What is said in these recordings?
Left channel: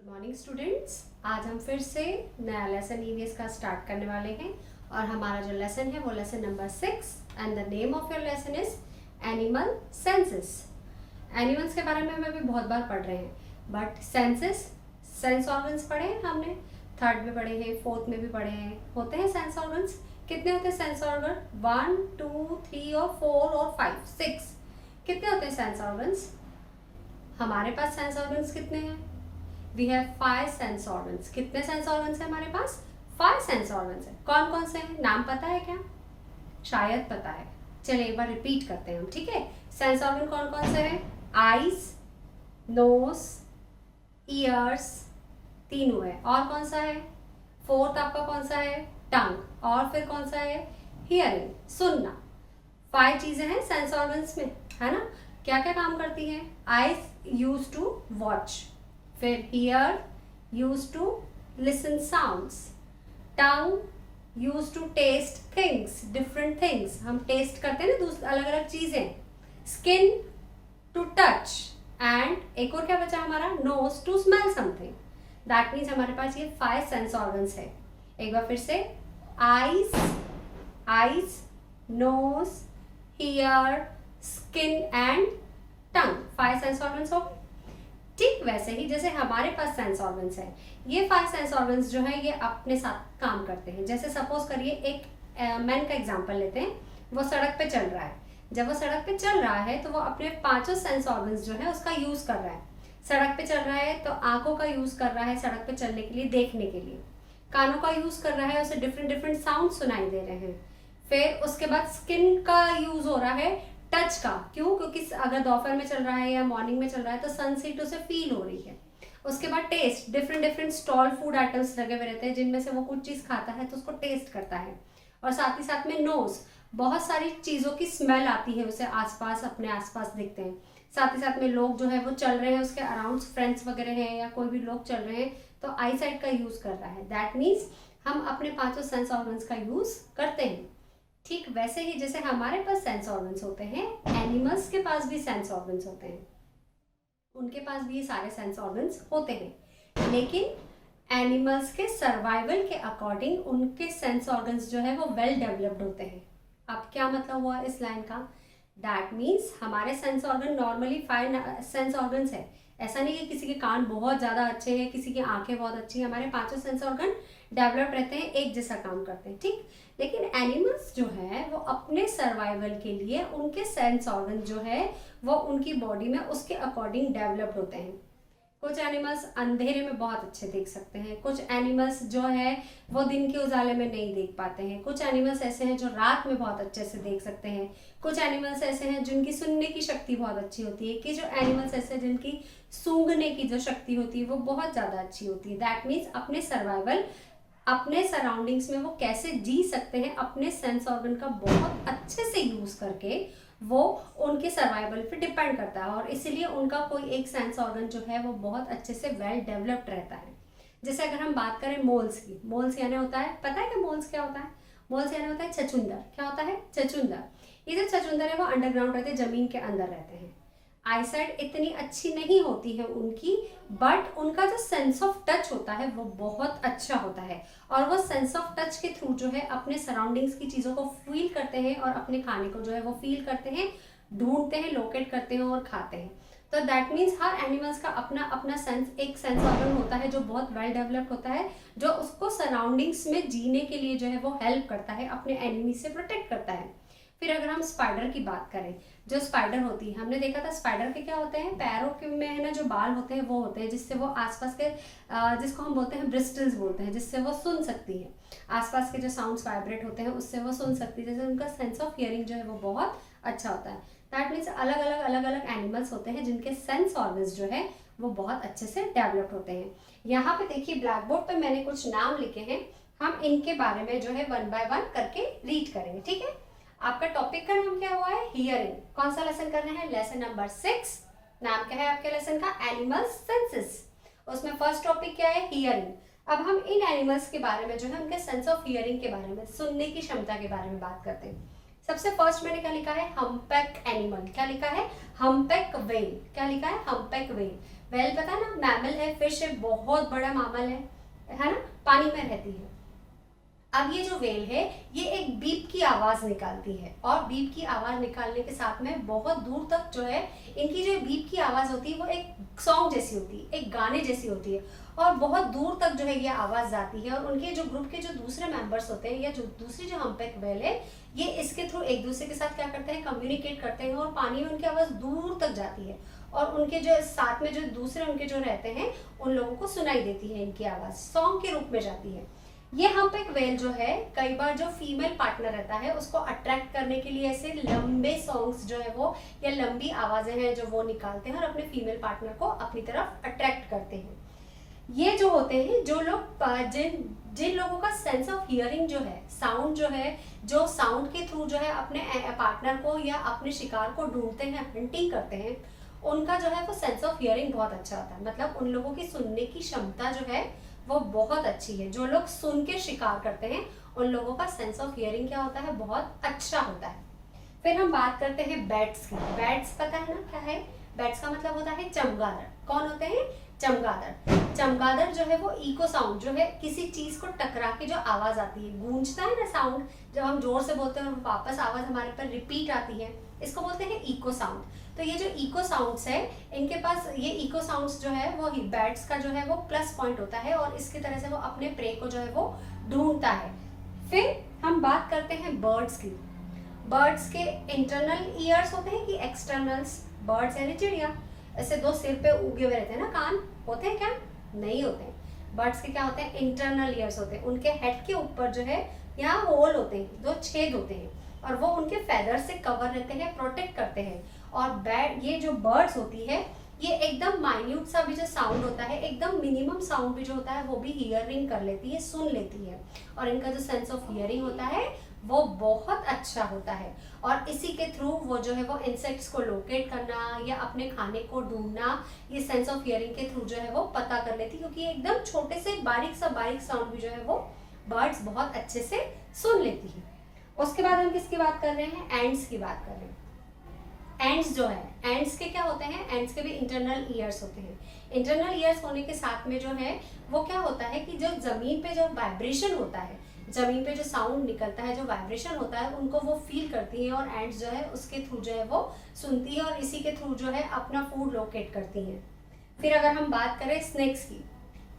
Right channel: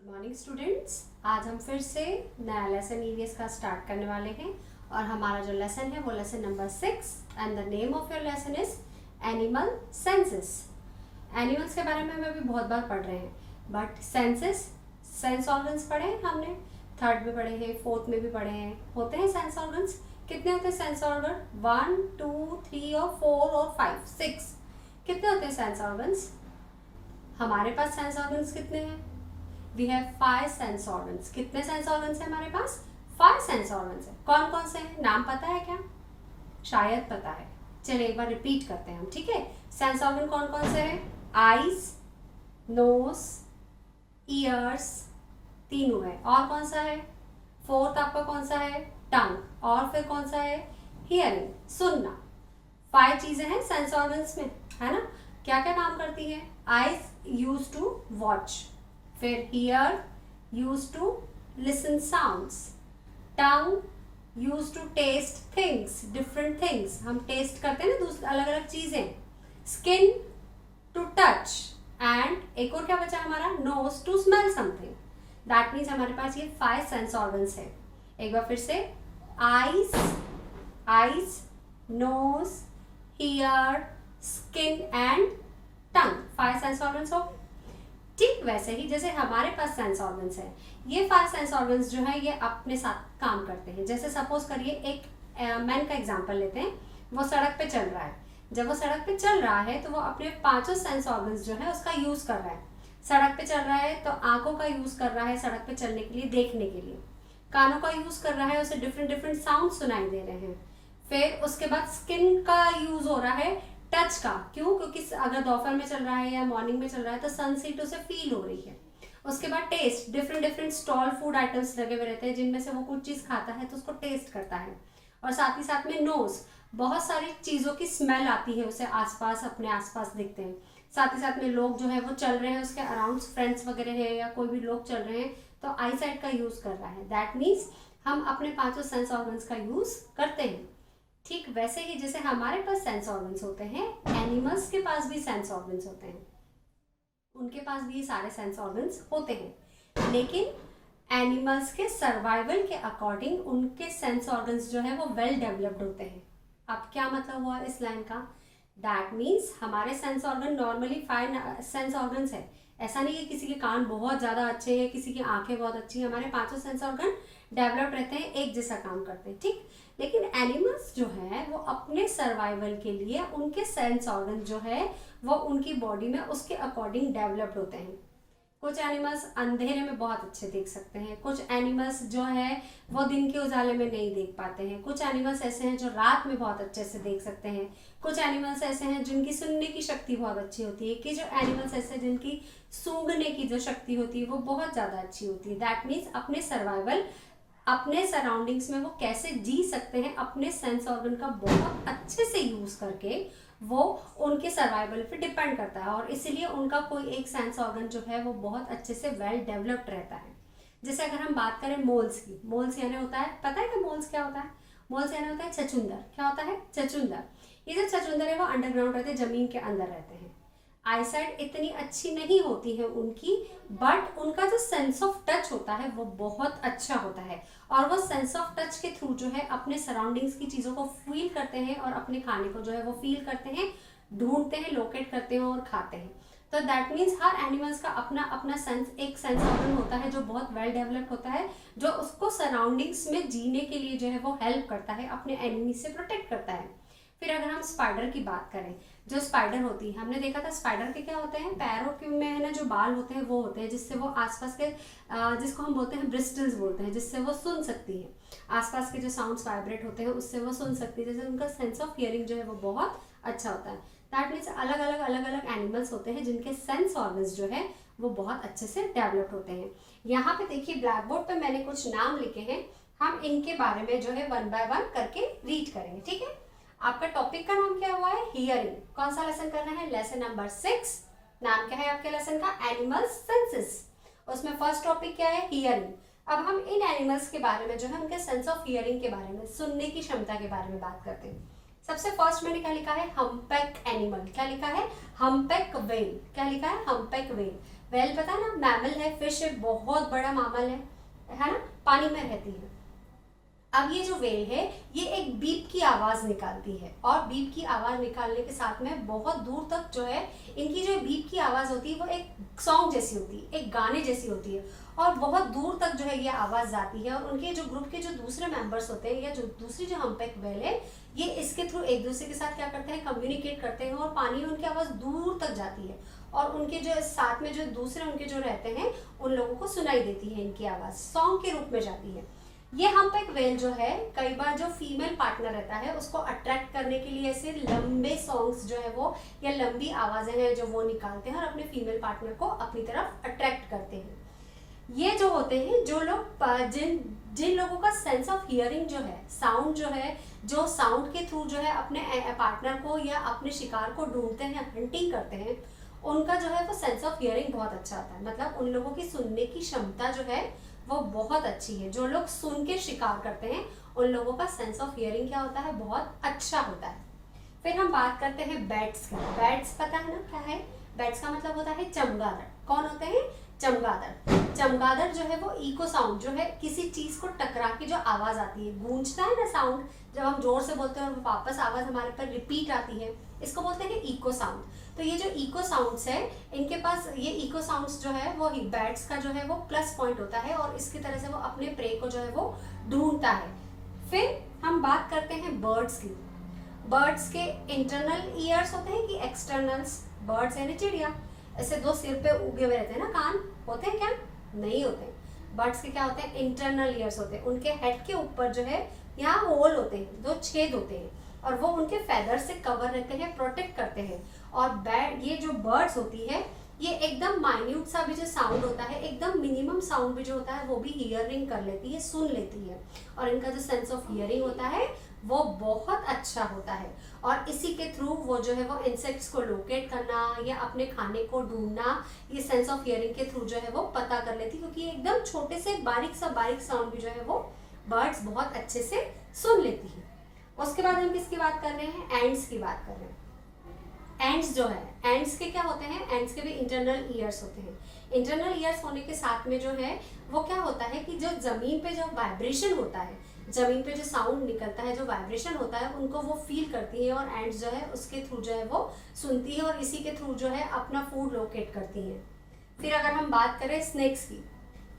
Good morning students. आज हम फिर से नया लेसन ईवीएस का स्टार्ट करने वाले हैं और हमारा जो लेसन है वो lesson number 6 and the name of your lesson is animal senses. Animals के बारे में हम अभी बहुत बार पढ़ रहे हैं, बट सेंसेस सेंस ऑर्गन्स पढ़े हैं हमने, थर्ड में पढ़े हैं, फोर्थ में भी पढ़े हैं। होते हैं सेंस ऑर्गन्स। कितने होते हैं सेंस ऑर्गन? 1 2 3 और 4 और 5 6। कितने होते हैं सेंस ऑर्गन्स? हमारे पास सेंस ऑर्गन्स कितने हैं? We have 5 sense organs. कितने सेंस ऑर्गन्स है हमारे पास? 5 सेंस ऑर्गन्स है। कौन कौन से हैं? नाम पता है क्या? शायद पता है। चलिए एक बार रिपीट करते हैं हम, ठीक है? सेंस ऑर्गन कौन कौन से हैं? आईज, नोज, ईयर्स, तीनों है। और कौन सा है? फोर्थ आपका कौन सा है? टंग। और फिर कौन सा है? हियरिंग, सुनना। 5 चीजें हैं सेंस ऑर्गन्स में, है ना? क्या क्या काम करती हैं? आईज यूज टू वॉच, फिर ear use to listen sounds, tongue use to taste things, different things. हम टेस्ट करते हैं ना अलग अलग चीजें। स्किन टू टच, एंड एक और क्या बचा हमारा? Nose to smell something. That means हमारे पास ये 5 सेंस ऑर्गन्स है। एक बार फिर से, eyes, nose, ear, skin and tongue. 5 sense organs हो। ठीक वैसे ही जैसे हमारे पास सेंस ऑर्गन्स है, ये 5 सेंस ऑर्गन्स जो है ये अपने साथ काम करते हैं। जैसे सपोज करिए एक मैन का एग्जांपल लेते हैं। वो सड़क पे चल रहा है। जब वो सड़क पे चल रहा है तो वो अपने 5 सेंस ऑर्गन्स जो है उसका यूज कर रहा है। सड़क पे चल रहा है तो आंखों का यूज कर रहा है सड़क पे चलने के लिए, देखने के लिए। कानों का यूज कर रहा है, उसे डिफरेंट डिफरेंट साउंड सुनाई दे रहे हैं। फिर उसके बाद स्किन का यूज हो रहा है, टच का। क्यों? क्योंकि अगर दोपहर में चल रहा है या मॉर्निंग में चल रहा है तो सनसीट उसे फील हो रही है। उसके बाद taste, different different stall food items लगे हुए रहते हैं जिनमें से वो कुछ चीज खाता है तो उसको टेस्ट करता है। और साथ ही साथ में नोज, बहुत सारी चीजों की स्मेल आती है उसे, आसपास अपने आसपास दिखते हैं। साथ ही साथ में लोग जो है वो चल रहे हैं उसके अराउंड, फ्रेंड्स वगैरह है या कोई भी लोग चल रहे हैं तो आई साइट का यूज कर रहा है। दैट मीन्स हम अपने 5 सेंस ऑर्गन्स का यूज करते हैं। ठीक वैसे ही जैसे हमारे पास सेंस ऑर्गन्स होते हैं, एनिमल्स के पास भी सेंस ऑर्गन्स होते हैं। उनके पास भी ये सारे सेंस ऑर्गन्स होते हैं, लेकिन एनिमल्स के सर्वाइवल के अकॉर्डिंग उनके सेंस ऑर्गन्स जो है वो वेल डेवलप्ड होते हैं। अब क्या मतलब हुआ इस लाइन का? दैट मीन्स हमारे sense organ normally 5 sense organs है। ऐसा नहीं है किसी के कान बहुत ज्यादा अच्छे हैं, किसी की आंखें बहुत अच्छी हैं। हमारे 5 सेंस ऑर्गन डेवलप रहते हैं, एक जैसा काम करते हैं, ठीक। लेकिन एनिमल्स जो है वो अपने सर्वाइवल के लिए उनके सेंस ऑर्गन जो है वो उनकी बॉडी में उसके अकॉर्डिंग डेवलप्ड होते हैं। कुछ एनिमल्स अंधेरे में बहुत अच्छे देख सकते हैं, कुछ एनिमल्स जो है वो दिन के उजाले में नहीं देख पाते हैं, कुछ एनिमल्स ऐसे हैं जो रात में बहुत अच्छे से देख सकते हैं, कुछ एनिमल्स ऐसे हैं जिनकी सुनने की शक्ति बहुत अच्छी होती है, कि जो एनिमल्स ऐसे हैं जिनकी सूंघने की जो शक्ति होती है वो बहुत ज्यादा अच्छी होती है। दैट मीन्स अपने सर्वाइवल, अपने सराउंडिंग्स में वो कैसे जी सकते हैं, अपने सेंस ऑर्गन का बहुत अच्छे से यूज करके, वो उनके सर्वाइवल पे डिपेंड करता है। और इसीलिए उनका कोई एक सेंस ऑर्गन जो है वो बहुत अच्छे से वेल डेवलप्ड रहता है। जैसे अगर हम बात करें मोल्स की, मोल्स यानी होता है, पता है कि मोल्स क्या होता है? मोल्स यानी होता है छछूंदर। क्या होता है? छछूंदर। ये जो छछूंदर है वो अंडरग्राउंड रहते हैं, जमीन के अंदर रहते हैं। आईसाइट इतनी अच्छी नहीं होती है उनकी, बट उनका जो सेंस ऑफ टच होता है वो बहुत अच्छा होता है। और वो सेंस ऑफ टच के थ्रू जो है अपने सराउंडिंग्स की चीज़ों को फील करते हैं और अपने खाने को जो है वो फील करते हैं, ढूंढते हैं, लोकेट करते हैं और खाते हैं। तो दैट मीन्स हर एनिमल्स का अपना अपना सेंस, एक सेंस ऑर्गन होता है जो बहुत वेल डेवलप्ड होता है, जो उसको सराउंडिंग्स में जीने के लिए जो है वो हेल्प करता है, अपने एनिमी से प्रोटेक्ट करता है। फिर अगर हम स्पाइडर की बात करें, जो स्पाइडर होती है, हमने देखा था स्पाइडर के क्या होते हैं, पैरों के में है ना जो बाल होते हैं वो होते हैं, जिससे वो आसपास के जिसको हम बोलते हैं ब्रिस्टल्स बोलते हैं, जिससे वो सुन सकती है। आसपास के जो साउंड्स वाइब्रेट होते हैं उससे वो सुन सकती है। जैसे उनका सेंस ऑफ हियरिंग जो है वो बहुत अच्छा होता है। दैट मीन्स अलग अलग एनिमल्स होते हैं जिनके सेंस ऑर्गन्स जो है वो बहुत अच्छे से डेवलप होते हैं। यहाँ पे देखिए ब्लैक बोर्ड पे मैंने कुछ नाम लिखे हैं, हम इनके बारे में जो है 1 बाय 1 करके रीड करेंगे, ठीक है। आपका टॉपिक का नाम क्या हुआ है? हियरिंग। कौन सा लेसन कर रहे हैं? Lesson number 6। नाम क्या है आपके लेसन का? Animal senses. उसमें फर्स्ट टॉपिक क्या है? हियरिंग। अब हम इन एनिमल्स के बारे में जो है उनके सेंस ऑफ हियरिंग के बारे में, सुनने की क्षमता के बारे में बात करते हैं। सबसे फर्स्ट मैंने क्या लिखा है, हम्पैक एनिमल। क्या लिखा है, हम्पैक व्हेल। क्या लिखा है, हम्पैक व्हेल। व्हेल पता है ना, मैमल है, फिश है, बहुत बड़ा मैमल है ना, पानी में रहती है। अब ये जो व्हेल है ये एक बीप की आवाज निकालती है, और बीप की आवाज निकालने के साथ में बहुत दूर तक जो है इनकी जो बीप की आवाज होती है वो एक सॉन्ग जैसी होती है, एक गाने जैसी होती है, और बहुत दूर तक जो है ये आवाज जाती है। और उनके जो ग्रुप के जो दूसरे मेंबर्स होते हैं या जो दूसरी जो हम्पैक व्हेल है, ये इसके थ्रू एक दूसरे के साथ क्या करते हैं, कम्युनिकेट करते हैं, और पानी में उनकी आवाज दूर तक जाती है, और उनके जो साथ में जो दूसरे उनके जो रहते हैं उन लोगों को सुनाई देती है, इनकी आवाज सॉन्ग के रूप में जाती है। ये हम्पैक व्हेल जो है कई बार जो फीमेल पार्टनर रहता है उसको अट्रैक्ट करने के लिए ऐसे लंबे सॉन्ग्स जो है वो या लंबी आवाजें हैं जो वो निकालते हैं और अपने फीमेल पार्टनर को अपनी तरफ अट्रैक्ट करते हैं। ये जो होते हैं, जो लोग जिन लोगों का सेंस ऑफ हियरिंग जो है, साउंड जो है, जो साउंड के थ्रू जो है अपने पार्टनर को या अपने शिकार को ढूंढते हैं, हंटिंग करते हैं, उनका जो है वो सेंस ऑफ हियरिंग बहुत अच्छा होता है। मतलब उन लोगों की सुनने की क्षमता जो है वो बहुत अच्छी है। जो लोग सुन के शिकार करते हैं उन लोगों का सेंस ऑफ हियरिंग क्या होता है, बहुत अच्छा होता है। फिर हम बात करते हैं बैट्स की। बैट्स पता है ना क्या है, बैट्स का मतलब होता है चमगादड़। कौन होते हैं, चमगादड़। चमगादड़ जो है वो इको साउंड जो है, किसी चीज को टकरा के जो आवाज आती है, गूंजता है ना साउंड, जब हम जोर से बोलते हैं और वापस आवाज हमारे पर रिपीट आती है, इसको बोलते हैं इको साउंड। तो ये जो इको साउंड्स है, इनके पास ये इको साउंड्स जो है वो बैट्स का जो है वो प्लस पॉइंट होता है, और इसकी तरह से वो अपने प्रे को जो है वो ढूंढता है। फिर हम बात करते हैं बर्ड्स की। बर्ड्स के इंटरनल ईयर्स होते हैं कि एक्सटर्नल्स। बर्ड्स यानी चिड़िया, ऐसे दो सिर पे उगे हुए रहते हैं ना, कान होते हैं क्या, नहीं होते। बर्ड्स के क्या होते हैं, इंटरनल ईयर्स होते हैं। उनके हेड के ऊपर जो है यहाँ होल होते हैं, दो छेद होते हैं, और वो उनके फेदर से कवर रहते हैं, प्रोटेक्ट करते हैं। और ये जो बर्ड्स होती है ये एकदम माइन्यूट सा भी जो साउंड होता है, एकदम मिनिमम साउंड भी जो होता है वो भी हियरिंग कर लेती है, सुन लेती है, और इनका जो सेंस ऑफ हियरिंग होता है वो बहुत अच्छा होता है। और इसी के थ्रू वो जो है वो इंसेक्ट्स को लोकेट करना या अपने खाने को ढूंढना, ये सेंस ऑफ हियरिंग के थ्रू जो है वो पता कर लेती है, क्योंकि एकदम छोटे से बारीक साउंड भी जो है वो बर्ड्स बहुत अच्छे से सुन लेती है। उसके बाद हम किसकी बात कर रहे हैं, एंड्स की बात कर रहे हैं। एंड्स जो है, एंड्स के क्या होते हैं, एंड्स के भी इंटरनल ईयर्स होते हैं। इंटरनल ईयर्स होने के साथ में जो है वो क्या होता है कि जो जमीन पे जो वाइब्रेशन होता है, जमीन पे जो साउंड निकलता है, जो वाइब्रेशन होता है, उनको वो फील करती है, और एंड्स जो है उसके थ्रू जो है वो सुनती है, और इसी के थ्रू जो है अपना फूड लोकेट करती है। फिर अगर हम बात करें स्नेक्स की,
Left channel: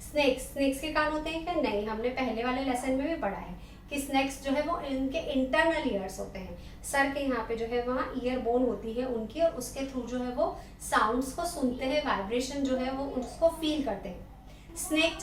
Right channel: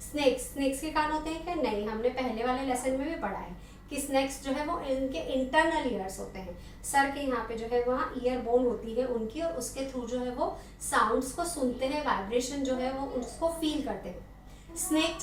स्नेक्स के कान होते हैं क्या, नहीं, हमने पहले वाले लेसन में भी पढ़ा है कि स्नेक्स जो है वो इनके इंटरनल ईयर्स होते हैं। सर के यहाँ पे जो है वहाँ ईयर बोन होती है उनकी, और उसके थ्रू जो है वो साउंड्स को सुनते हैं, वाइब्रेशन जो है वो उसको फील करते हैं। स्नेक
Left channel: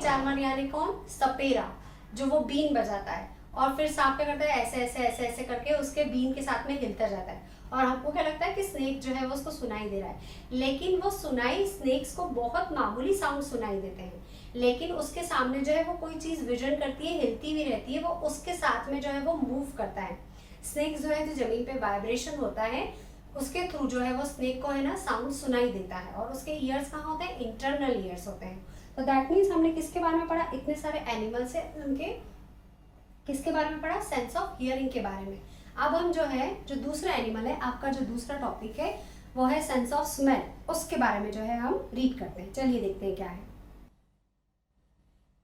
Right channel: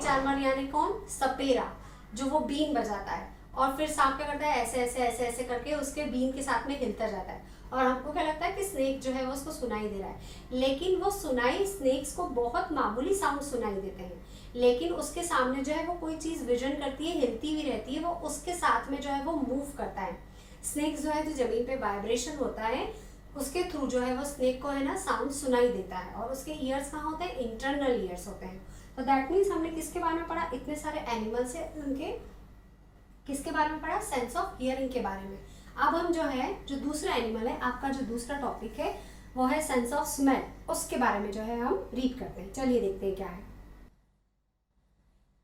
चार्मर यानी कौन, सपेरा, जो वो बीन बजाता है, और फिर सांप क्या करता है, ऐसे ऐसे ऐसे ऐसे करके उसके बीन के साथ में हिलता जाता है, और हमको क्या लगता है कि स्नेक जो है वो उसको सुनाई दे रहा है, लेकिन वो स्नेक्स को बहुत मामूली साउंड सुनाई देते हैं, लेकिन उसके सामने जो है वो कोई चीज विजन करती है, हिलती भी रहती है, वो उसके साथ में जो है वो मूव करता है। स्नेक जो है, जो जमीन पे वाइब्रेशन होता है उसके थ्रू जो है वो स्नेक को है ना साउंड सुनाई देता है, और उसके ईयर्स कहाँ होते हैं, इंटरनल ईयर्स होते हैं। तो दैट मीन्स हमने किसके बारे में पढ़ा, इतने सारे एनिमल्स है, उनके किसके बारे में पढ़ा, सेंस ऑफ हियरिंग के बारे में। अब हम जो है, जो दूसरा एनिमल है, आपका जो दूसरा टॉपिक है वो है सेंस ऑफ स्मेल, उसके बारे में जो है हम रीड करते हैं। चलिए देखते हैं क्या है।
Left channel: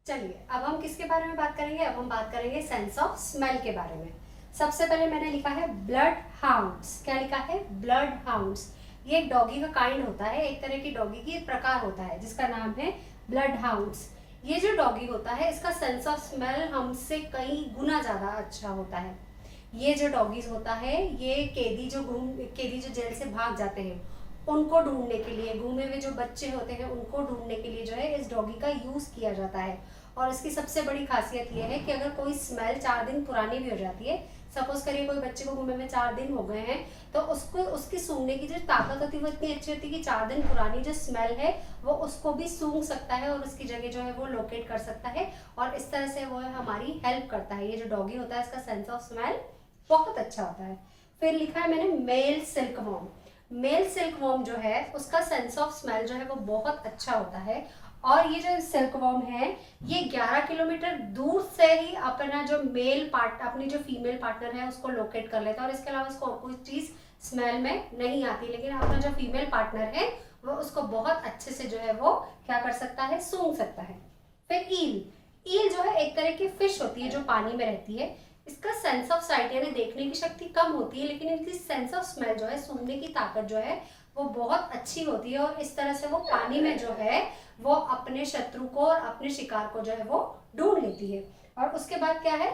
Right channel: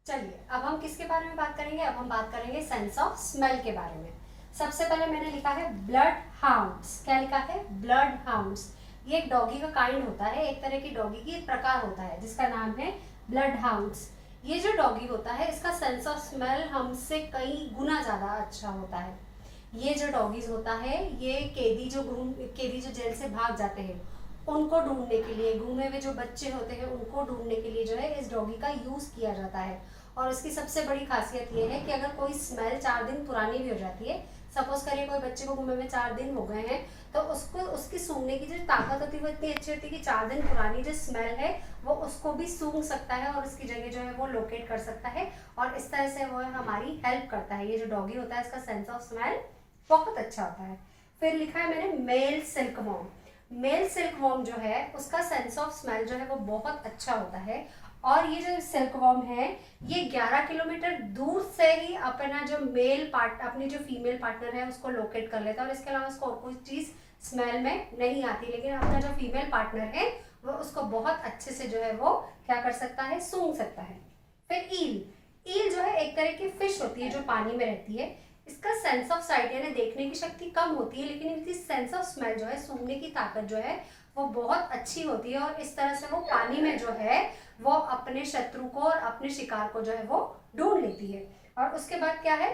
चलिए अब हम किसके बारे में बात करेंगे, अब हम बात करेंगे सेंस ऑफ स्मेल के बारे में। सबसे पहले मैंने लिखा है ब्लड हाउंड्स। क्या लिखा है, ब्लड हाउंड्स। ये एक डॉगी का काइंड होता है, एक तरह की डॉगी की प्रकार होता है जिसका नाम है ब्लड हाउंड्स। ये जो डॉगी होता है इसका सेंस ऑफ स्मेल हमसे कई गुना ज्यादा अच्छा होता है। ये जो डॉगीज होता है, ये कैदी जो जेल से भाग जाते हैं उनको ढूंढने के लिए, घूमे हुए जो बच्चे होते हैं उनको ढूंढने के लिए जो है इस डॉगी का यूज किया जाता है। और इसकी सबसे बड़ी खासियत ये है कि अगर कोई स्मेल 4 दिन पुरानी भी हो जाती है, सपोज करिए कोई बच्चे को घूमे में 4 दिन हो गए हैं, तो उसको उसकी सूंघने की जो ताकत होती है वो इतनी अच्छी होती है कि 4 दिन पुरानी जो स्मेल है वो उसको भी सूंघ सकता है और उसकी जगह जो है वो लोकेट कर सकता है, और इस तरह से वो हमारी हेल्प करता है। ये जो डॉगी होता है इसका सेंस ऑफ स्मेल बहुत अच्छा होता है। फिर लिखा है मैंने मेल सिल्कवॉर्म। मेल सिल्कवॉर्म जो है उसका सेंस ऑफ स्मेल जो है वो बहुत अच्छा होता है, और ये जो सिल्कवॉर्म है ये 11 किलोमीटर दूर से ही अपना जो अपनी जो फीमेल पार्टनर है उसको लोकेट कर लेता है, और इसके अलावा उसको और कोई चीज स्मेल में नहीं आती, लेकिन अपना जो फीमेल पार्टनर है वो उसको बहुत अच्छे से जो है वो क्या कर सकता है, सूंघ सकता है। फिर ईल जो है एक तरह की फिश होती है जो पानी में रहती है। इसका सेंस ऑफ साइट यानी देखने की शक्ति कम होती है, लेकिन इनकी सेंस ऑफ स्मेल जो है, सूंघने की ताकत जो है वो बहुत अच्छी होती है, और इस तरह से वो पानी में जो है वो अपने शत्रु को और अपने शिकार को जो है वो ढूंढ लेती है। और उसके बाद क्या है,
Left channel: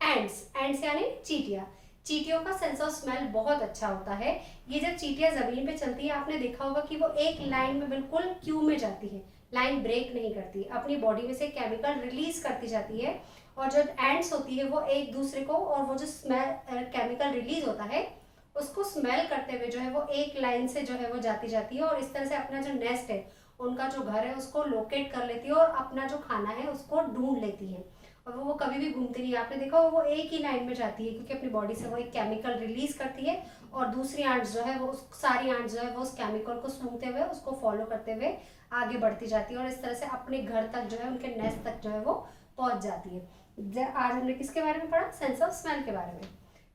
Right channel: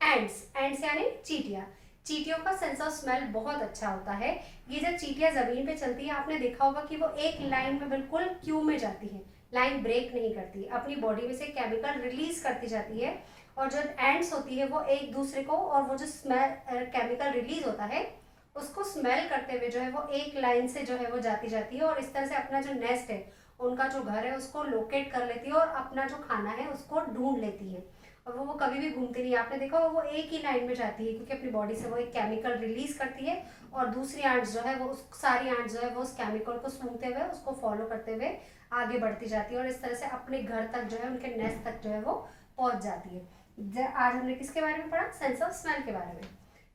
एंड्स यानी चींटियां। चींटियों का सेंस ऑफ स्मेल बहुत अच्छा होता है। ये जब चींटियां जमीन पे चलती है आपने देखा होगा कि वो एक लाइन में बिल्कुल क्यू में जाती है, लाइन ब्रेक नहीं करती, अपनी बॉडी में से केमिकल रिलीज करती जाती है, और जो एंड्स होती है वो एक दूसरे को, और वो जो स्मेल केमिकल रिलीज होता है उसको स्मेल करते हुए जो है वो एक लाइन से जो है वो जाती है, और इस तरह से अपना जो नेस्ट है, उनका जो घर है उसको लोकेट कर लेती है, और अपना जो खाना है उसको ढूंढ लेती है। और वो कभी भी घूमती नहीं, आपने देखा वो एक ही लाइन में जाती है, क्योंकि अपनी बॉडी से वो एक केमिकल रिलीज करती है, और दूसरी आंट्स जो है वो सारी आंट्स जो है वो उस केमिकल को सूंघते हुए उसको फॉलो करते हुए आगे बढ़ती जाती है, और इस तरह से अपने घर तक जो है, उनके नेस्ट तक जो है वो पहुंच जाती है। आज हमने किसके बारे में पढ़ा, सेंस ऑफ स्मेल के बारे में।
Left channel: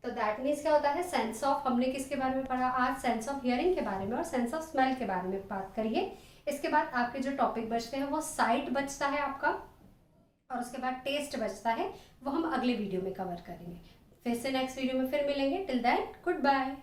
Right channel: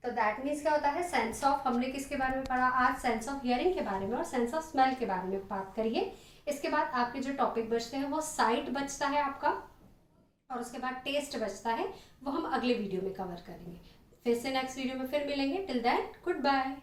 तो दैट मीन्स क्या होता है, सेंस ऑफ, हमने किसके बारे में पढ़ा आज, सेंस ऑफ हियरिंग के बारे में और सेंस ऑफ स्मेल के बारे में बात करिए। इसके बाद आपके जो टॉपिक बचते हैं वो साइट बचता है आपका, और उसके बाद टेस्ट बचता है, वो हम अगले वीडियो में कवर करेंगे। फिर से नेक्स्ट वीडियो में फिर मिलेंगे। Till then good bye.